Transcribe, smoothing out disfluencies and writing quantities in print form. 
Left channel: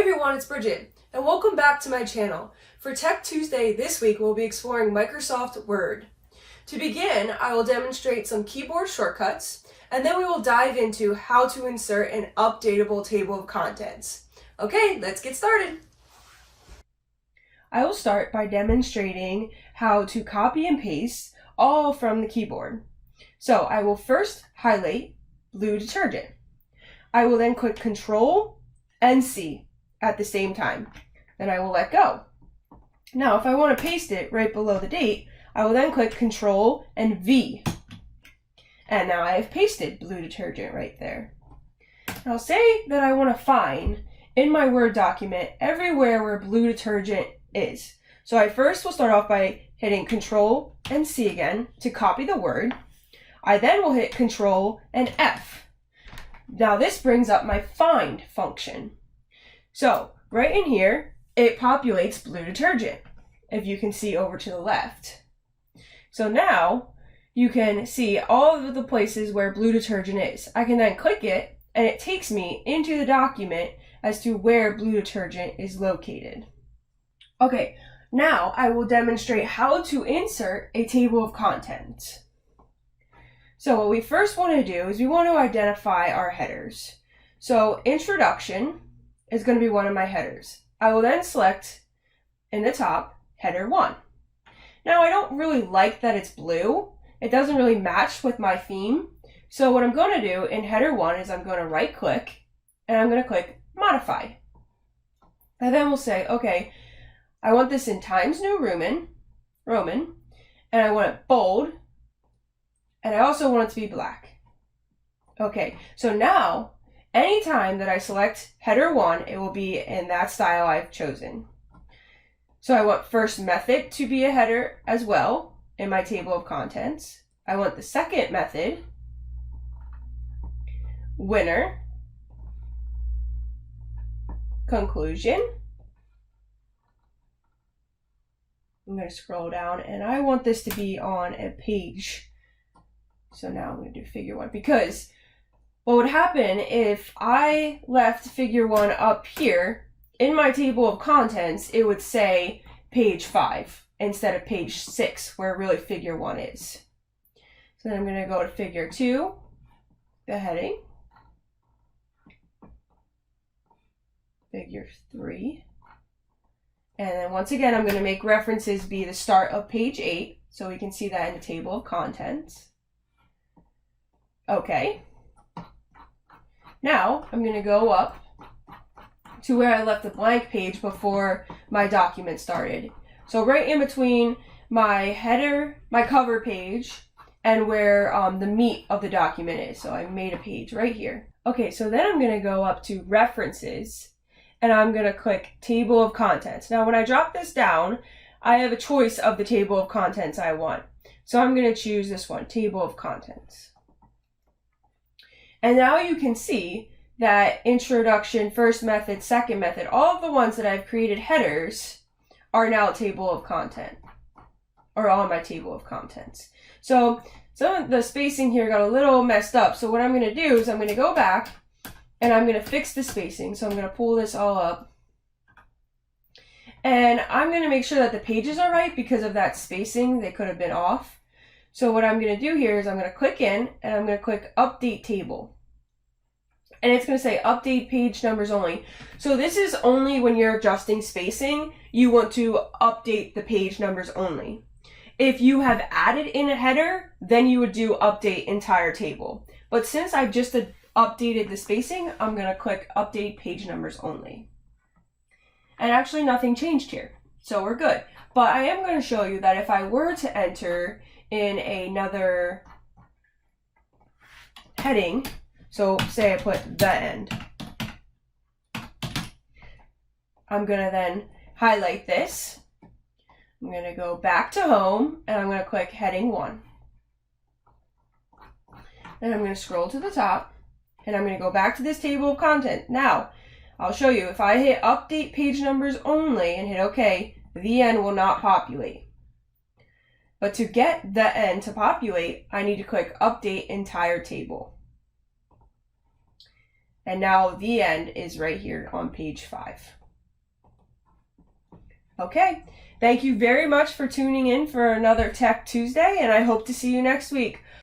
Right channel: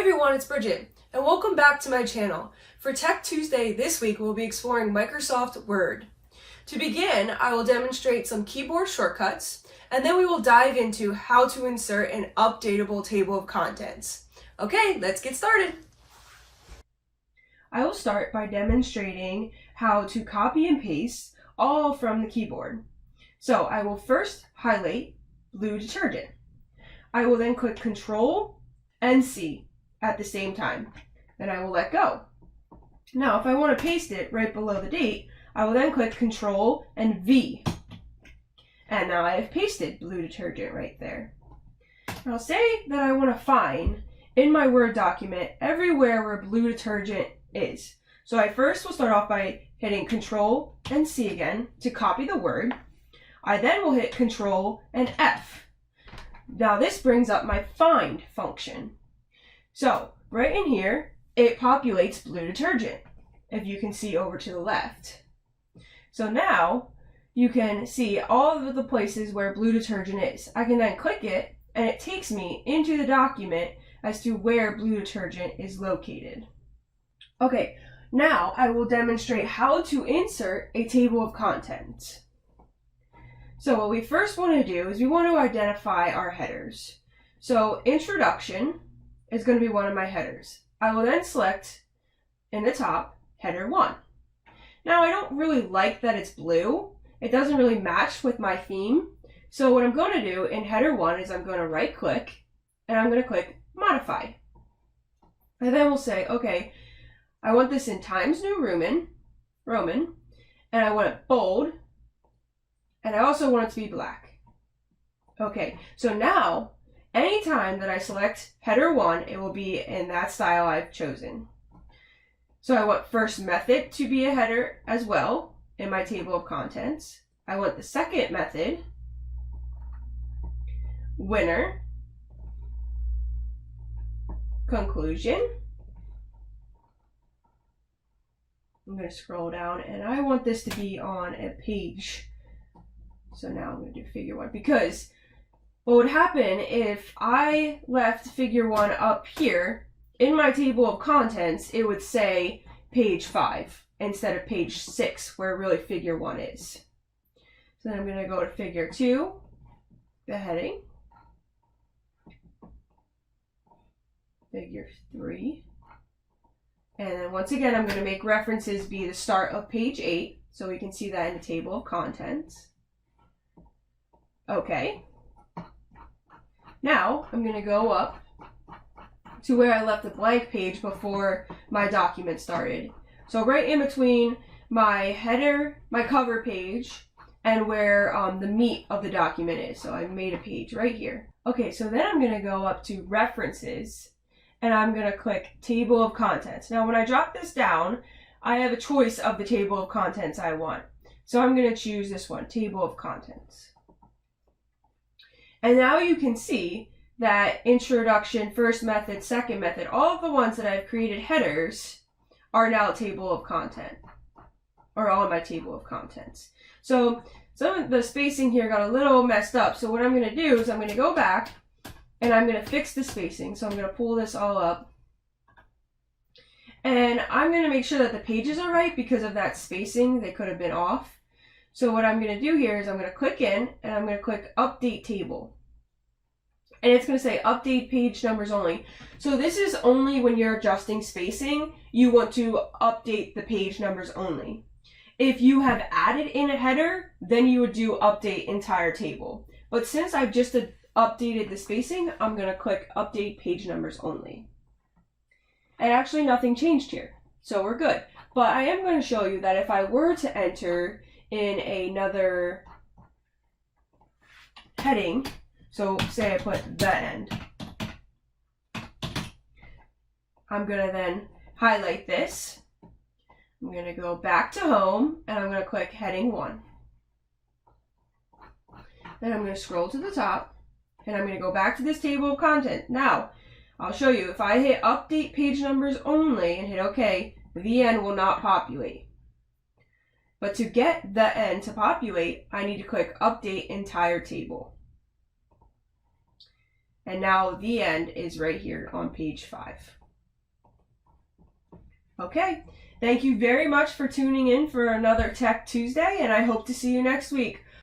everyone, it's Bridget, and welcome back to my channel. For Tech Tuesday this week, we'll be exploring Microsoft Word. To begin, I will demonstrate some keyboard shortcuts, and then we will dive into how to insert an updatable table of contents. Okay, let's get started. I will start by demonstrating how to copy and paste all from the keyboard. So I will first highlight blue detergent. I will then click Control and C at the same time. Then I will let go. Now, if I want to paste it right below the date, I will then click Control and V. And now I have pasted blue detergent right there. Now say that I want to find in my Word document everywhere where blue detergent is. So I first will start off by hitting Control and C again to copy the word. I then will hit Control and F. Now this brings up my find function. So right in here, it populates blue detergent, if you can see over to the left. So now you can see all of the places where blue detergent is. I can then click it and it takes me into the document as to where blue detergent is located. Okay, now I will demonstrate how to insert a table of contents. So what we first want to do is we want to identify our headers. So introduction is going to be one of my headers. I will then select in the top header 1. Now I don't really like that it's blue. It doesn't really match with my theme. So what I'm going to do in header 1 is I'm going to right click and I'm going to click modify. And then we'll say, okay, I want this in Times New Roman, and I want it bold, and I also want it to be black. Okay, so now anytime that I select header 1, it will be in that style I've chosen. So I want first method to be a header as well in my table of contents. I want the second method, winner, conclusion. I'm going to scroll down and I want this to be on a page. So now I'm going to do figure 1 because what would happen if I left figure 1 up here in my table of contents, it would say page 5 instead of page 6 where really figure 1 is. So then I'm going to go to figure 2, the heading, figure 3, and then once again I'm going to make references be the start of page 8 so we can see that in the table of contents. Okay. Now I'm going to go up to where I left the blank page before my document started. So right in between my header, my cover page, and where the meat of the document is. So I made a page right here. Okay, so then I'm going to go up to references and I'm going to click table of contents. Now when I drop this down, I have a choice of the table of contents I want. So I'm going to choose this one, table of contents. And now you can see that introduction, first method, second method, all of the ones that I've created headers are now a table of content, or on my table of contents. So some of the spacing here got a little messed up. So what I'm going to do is I'm going to go back and I'm going to fix the spacing. So I'm going to pull this all up. And I'm going to make sure that the pages are right because of that spacing. They could have been off. So what I'm going to do here is I'm going to click in and I'm going to click update table. And it's going to say update page numbers only. So this is only when you're adjusting spacing, you want to update the page numbers only. If you have added in a header, then you would do update entire table. But since I've just updated the spacing, I'm going to click update page numbers only. And actually nothing changed here. So we're good. But I am going to show you that if I were to enter in another heading, so say I put the end, I'm going to then highlight this. I'm going to go back to home and I'm going to click heading 1. Then I'm going to scroll to the top and I'm going to go back to this table of content. Now, I'll show you if I hit update page numbers only and hit OK, the end will not populate. But to get the end to populate, I need to click update entire table. And now the end is right here on page 5. Okay, thank you very much for tuning in for another Tech Tuesday, and I hope to see you next week.